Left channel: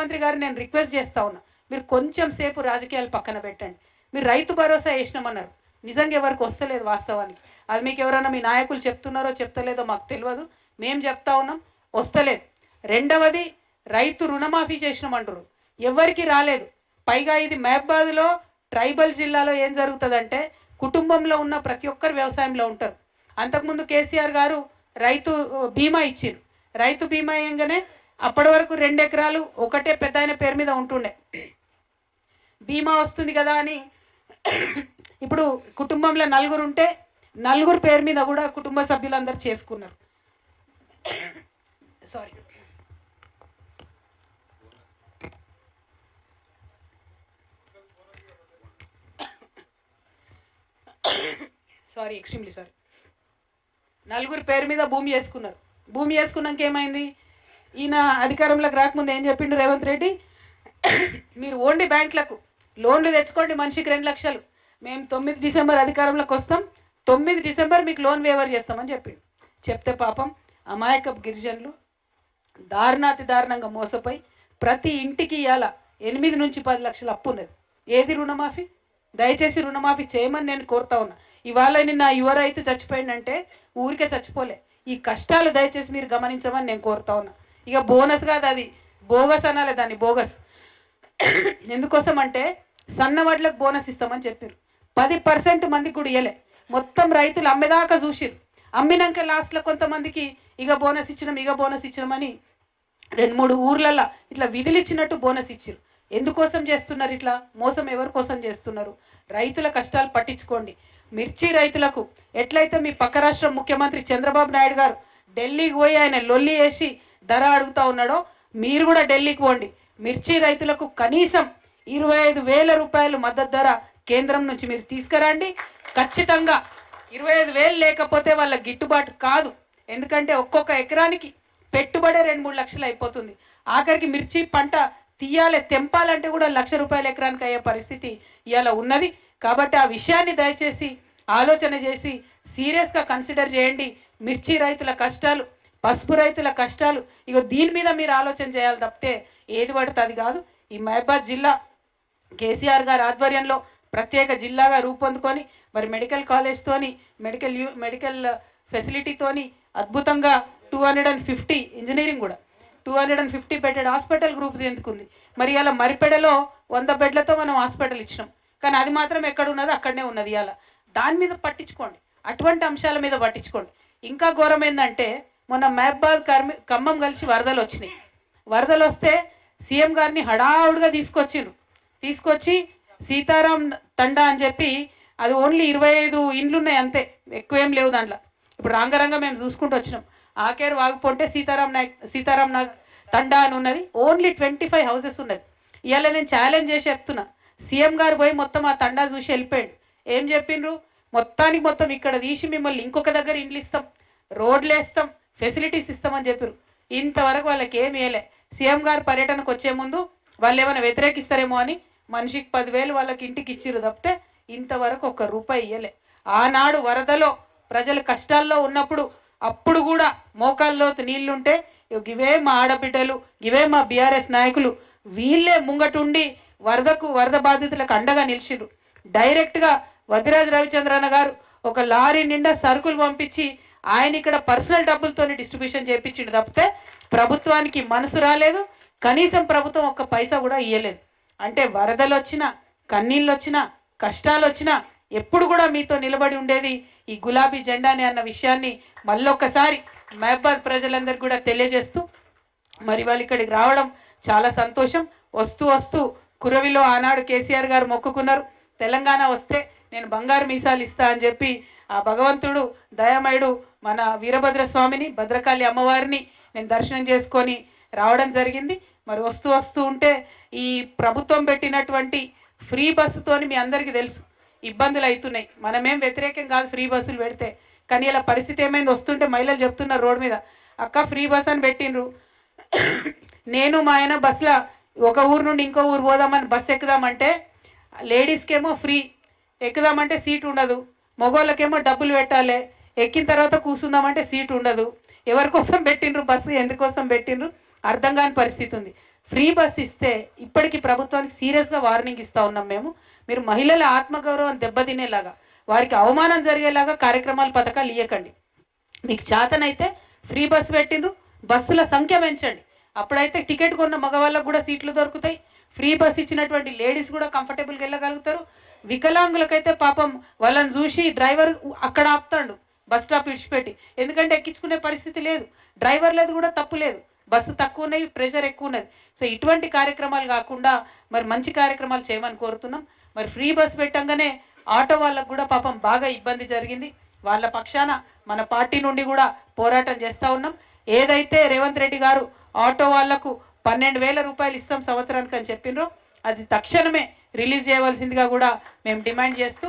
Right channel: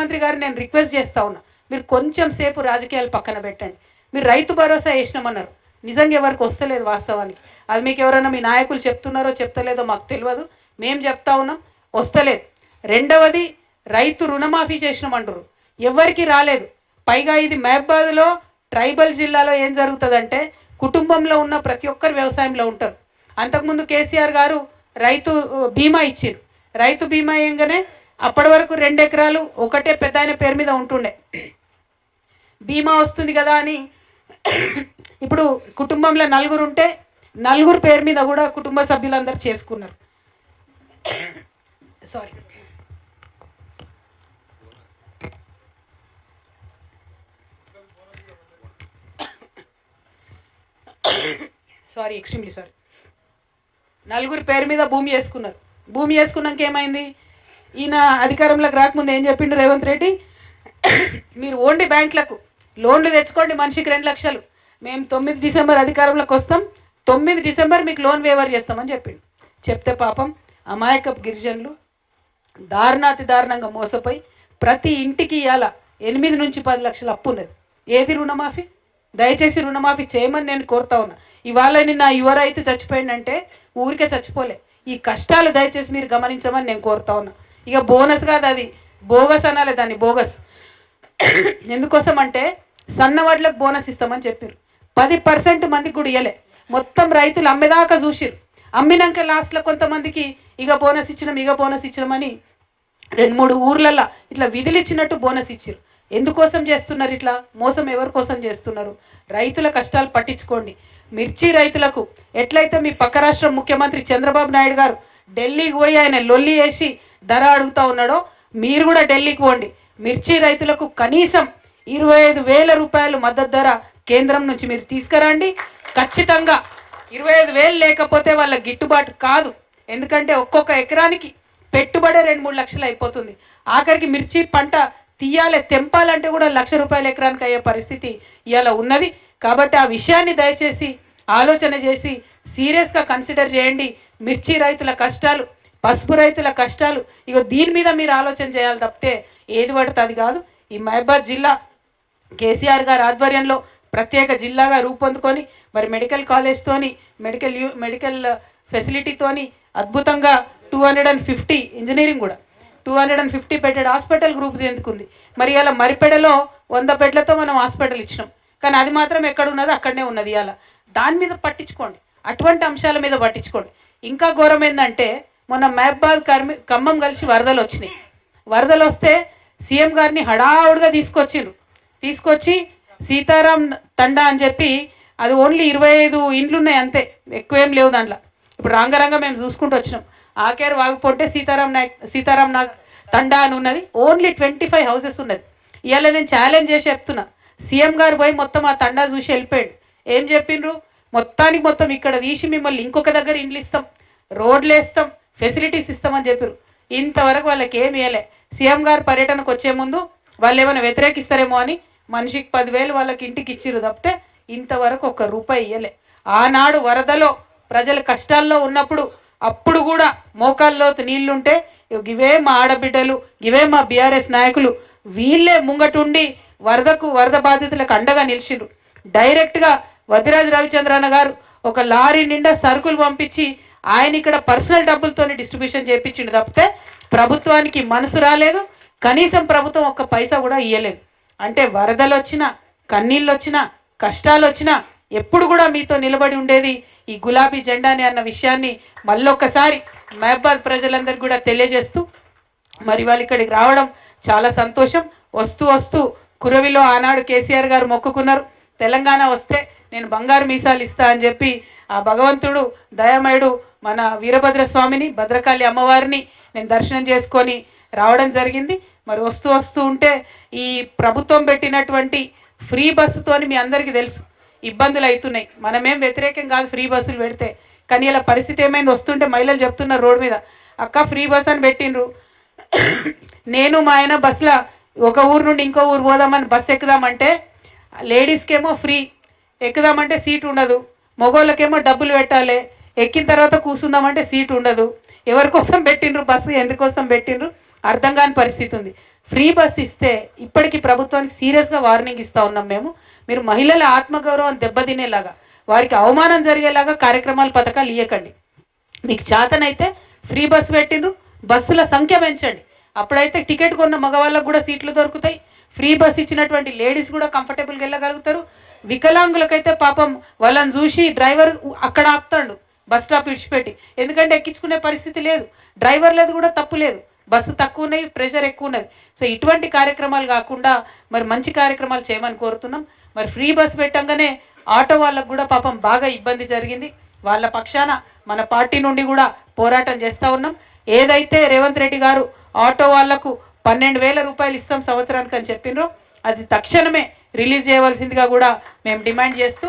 ముఖ్యమంత్రి గారు నేను రిక్వెస్ట్ చేస్తా ఉన్నా, మీరు కొంచెం సేపు రాజకీయాలు పక్కన పెట్టండి. మీరు రైతు భరోసా వేసినామన్నారు, నిజంగా ఎవరికి వస్తలేదు వాస్తవానికి. అది మీకు ఎవరైనా మీ నాయకులు చెప్తున్నారో చెప్తలేదో మాకు తెలియదు, మేము చెప్తా ఉన్నాం వస్తలేదు. రెండవది రైతు రుణమాఫీ చేసినామంటారు, ఎవరికి రాలేదు. పైగా ఇది మహబూబాబాద్లో ట్రైబల్ జిల్లాలో ఏం జరుగుతుందంటే కుటుంబంలో ఉన్న ప్రతి ఒక్కరు వ్యవసాయంలో ఉంటారు. అంతకుముందు కేసీఆర్ గారు రైతు బీమా ఇచ్చారు. రైతు బీమా ఏంగానే అప్పటి వరకు 2 ఎకరాలు ఒకటే పెద్ద ఆయన పేరు మీద ఉంటుండే, బీమా వస్తుంది కదా అని ఇప్పుడు కుటుంబంలో 4 ఉంటే 4 పేరు మీద కూడా కుటుంబ సభ్యులందరూ చేసుకున్నారు. Extremely sorry. 4 పేరు మీద భూమి చేసుకున్నారు. భూమి చేసుకున్నాక ఏమైంది, ఈయన అధికారంలోకి రాకముందు ఏం చెప్పిండు రేవంత్ రెడ్డి, మీరు ఓన్లీ బ్యాంకులకు లోన్లు తెచ్చుకోండి, మనిషికి 2 లక్షలు, మేము 9 డిసెంబర్ అధికారంలోకి వస్తాం, 9 డిసెంబర్ మీకు లోన్ వేవర్ చేస్తామని చెప్పిండు. చెప్తే పాపం అమాయకపు గిరిజనులు దారుణాతి దారుణంగా మోసపోయి ప్రతి ఇంటికి ఇవాళ 8 నుంచి 10 లక్షలు అప్పు ఉన్నది. ఏది రుణమాఫీ? దయచేసి రుణమాఫీ చేయమని నేను కోరుతా ఉన్నా. ఇవాళ నిన్న యువ రైతు చచ్చిపోయిందంటే ఊరికే చచ్చిపోలే, ఈ కష్టాలు దయచేసి మీరు గమనించమని నేను కోరుతా ఉన్నా. ఇక బోనస్ కాదు, అది బోగస్ అనాలి దాన్ని, బోగస్. ఎందుకోసం అంటే సన్నవాట్లకు బోనస్ ఇస్తామని చెప్పారు, 10% మందికి కూడా ఇవ్వలే. మొత్తం రైతులు అమ్మేదాకా చూసిరు, అమ్మినాక లాస్ట్లో కొంతమందికి ఇక బోనస్ ఇచ్చినామని 2-3 ఊర్లల్లో ఇట్లా విధులిచ్చినట్టు బోనస్ ఇచ్చారు. ఎందుకోసం చేస్తున్నారు ఇట్లా మోసం? ఎవరి కోసం చేస్తున్నారు? రైతుల కష్టాలు పట్టించుకోండి. మిర్చి రైతులకు ఎట్లయితే మీ పక్క రాష్ట్రం ముఖ్యమంత్రి చంద్రబాబు నాయుడు గారు ఢిల్లీకి పోయి ఆయన లొల్లి వేసి ధర అడుగుతా ఉన్నాడో, మీరు కూడా ఢిల్లీకి పోండి. మిర్చి రైతులకు కనీసం 25,000 రూపాయలు మద్దతు ధర కేంద్రం నుంచి మీరు తీసుకురండి. ఖచ్చితంగా 25,000 లేకపోతే వాళ్ళ గిట్టుబాటు కాదు. ఎందుకంటే ఒక్కొక్క ఎకరానికి పెట్టుబడే 2-3 లక్షలు అయిపోతుంది. ఆఖరికి మిర్చి పంట తెంపాలంటే కూడా 1,00,000 రూపాయల ఎకరానికి అయ్యే పరిస్థితి ఇవాళ ఉన్నది. కాబట్టి ఆ విషయాన్ని దయచేసి ఆలోచన చేసి సీరియస్గా కన్సిడర్ చేయండి. మిర్చి రైతుల కష్టాలు, పసుపు రైతుల కష్టాలు, ఇక దీని మీద మీరు ఆలోచన చేయాలి తప్పితే ఏది పడితే అది కాదు. ఈ మహబూబాబాద్ జిల్లా కేసీఆర్ గారి ఆధ్వర్యంలో ప్రత్యేక జిల్లాగా రూపొందుకొని మరి మెడికల్ కాలేజ్తోని మెడికల్ ఫెసిలిటీతోని అద్భుతంగా 250 ఇంజనీరింగ్ కూడా 250 బెడెడ్ హాస్పిటల్ గ్రూప్ ఎందుకుంది. మరి ఇలా మరిపెడలో 100 బెడ్లతో మనం హాస్పిటల్ ఇచ్చినాం, కానీ అది మాత్రం ఎక్కడ ఉన్నదో అక్కడనే ఉన్నది. ఇలా దాని మీద పట్టించుకోండి, అటువంటి అంశాల మీద పట్టించుకోండి. ఇంకా ఘోరం ఏంటంటే మొన్న మహబూబాబాద్ ఖమ్మం కలిసి వరదలు వచ్చినాయి. వరదలు వస్తే సీఎం గారిని హడావుడిగా తీసుకొచ్చి సీతారాం తండా అని చెప్పి, అది ఓన్లీ 25 ఇండ్లు ఉన్నాయి అంతే, ఎక్కువేం లేవు దాంట్లో. ఇప్పుడు రాంగరంగా మేము చూసుకుంటూ వచ్చినాం. ఆకేరు వాగుపోతే సీతారాం తండా అని ఉన్నది, ఓన్లీ 25 హౌసెస్ ఉన్నది. ఇవాళ నేను ఛాలెంజ్ చేసి చెప్తున్నా, సీఎం గారు పోయి మొత్తం ఆ తండా చూసి వెళ్ళిపోయాడు. ఏం చెప్పిండ్రు? మొత్తం ఇక్కడ తీసి మిమ్మల్ని ఇంకొక దగ్గర ఇండ్లు ఇస్తాం, రోడ్లు వేస్తాం, ఫెసిలిటీస్ ఇస్తామని చెప్పారు. ఇంతవరకు వాళ్ళకి ఏమి ఇవ్వలే. సీఎం గారు పర్యటనకు వచ్చే ముందు వాళ్ళు ఏమైనా వ్యతిరేకిస్తారేమో అని మనిషికి 10,000 వాళ్ళకి ఇంటికి ఇచ్చిర్రు తప్పితే ఇంతవరకు ₹1 ఇవ్వలే. ఆనాడు వరదలో ప్రజలు కష్టాల్లో ఉన్నప్పుడు అప్పుడు కూడా మోకాల్లోతు నీళ్లుంటే ఇవే మా ఆడబిడ్డలు, ఇవే మా బీఆర్ఎస్ నాయకులు, వీళ్ళే ముంగటుండి వరద బాధితులకు అండగా నిలిచిండ్రు. డైరెక్ట్గా వదిరాజు రవిచంద్రన్న గారు ఒక లారీ నిండా సరుకులు పంపించి ఆయన ఇక్కడ పర్సనల్ డబ్బులతోనే డిస్ట్రిబ్యూషన్ చేయించిండు తప్పితే ప్రభుత్వానికి మనసు రాలేదు. కనీసం ప్రభుత్వం 1 పైసా కూడా ఇయ్యలేదు. అంటే వరదలు వచ్చినా, కన్నీళ్ళు వచ్చినా, కష్టాలు వచ్చినా ఎప్పుడు కూడా మీతో నిలబడి ఉండేది ఈ గులాబీ జెండాని అన్న విషయాన్ని మళ్ళొక్కసారి మహబూబాబాద్ ప్రజలందరికీ కూడా తెలియజేస్తూ మరి వాళ్ళు ఇక్కడికి రావడం చాలా సంతోషం. వస్తూ కురవిలో ఆనాడు కేసీఆర్ గారు మొక్కుకున్నారు, తెలంగాణ వస్తే నేను బంగారు మీసాలు ఇస్తా అని చెప్పి ఆ భగవంతుడు దయామయుడు మన వీరభద్ర స్వామిని, భద్రకాళి అమ్మవారిని నేను దర్శనం చేసుకొని రావడం జరిగింది. మరి వస్తూ ఉంటే ఈ ప్రభుత్వం పెట్టినటువంటి ఫ్రీ బస్సుతోని మీ అందరికీ తెలుసు ఇబ్బందులు అవుతున్నాయి. మనమేం వ్యతిరేకం కాదు ఫ్రీ బస్సులు పెడితే, కానీ ఇలా పరిస్థితి ఏమైంది, వస్తుంటే మహిళలు చెప్తున్నారు రోడ్డు మీద, అక్క ఫ్రీ బస్ అని పెట్టిండ్రు, నేను మా ఆయన బస్సులో ఒక ఊరు నుండి ఇంకో ఊరు పోదామని బస్సు ఎక్కుదామంటే లేడీస్కేమో ఫ్రీ, ఎక్కుదామంటే సీట్ ఉండదు, మగవాళ్ళకేమో డబ్బులు పెట్టాలి, ఎక్కిన తర్వాత కూర్చుందామంటే సీట్ ఉండదు. ఎవరి కోసం పెట్టిండ్రు బస్సు, ఎందుకోసం పెట్టిండ్రు అర్థం కాని పరిస్థితి ఉంది. ఫ్రీ బస్ ఇస్తే ఇప్పటికీ ప్రభుత్వానికి సీరియస్గా వార్నింగ్ ఇస్తా ఉన్నాం మేము. మీరు మహిళల ఆత్మగౌరవం దెబ్బతినేలాగా, వారికి అవమానం జరిగేలాగా కార్యక్రమాలు పథకాలు ఇవ్వకండి. మీకు చేతనైతే ఫ్రీ బస్ పెట్టిండ్రు, బస్సుల సంఖ్య పెంచండి. అప్పుడైతే టికెట్ కొన్న మగవాళ్ళకు కూడా సీట్లు దొరుకుతాయి. ఫ్రీ బస్ ఇచ్చినటువంటి లేడీస్ కూడా కంఫర్టబుల్గా వెళ్ళగలుగుతారు. వికలాంగులకైతే పాపం వాళ్ళని చూసి డ్రైవర్ అక్కడ ఆపుతాడు బస్ స్టాప్ విడిచిపెట్టి, ఎందుకంటే ఎక్కించుకునే పరిస్థితి లేదు. డ్రైవర్ లేదు కూడా తప్పు లేదు, బస్సు తక్కువ ఉన్నాయి, ప్రెషర్ ఎక్కువ ఉన్నది. సో ఇటువంటి కార్యక్రమాలు కాకుండా మరి మంచి కార్యక్రమాలు చేయమని కోరుతున్నాం. మరి ఫ్రీ బస్ పెట్టంగానే ఆటో వాళ్ళకు కూడా పాపం బాగా ఇబ్బంది జరిగింది. వాళ్ళ పక్షాన మన పార్టీ నుండి కూడా పోరాటం చేస్తూ ఉన్నాం. ఏదైతే రేవంత్ రెడ్డి గారు ఆటో వాళ్లకు 12,000 రూపాయలు ఇస్తాం సంవత్సరానికి అని చెప్పినరో అది తక్షణమే రిలీజ్ చేయవలసిందిగా కూడా మేము డిమాండ్ చేస్తూ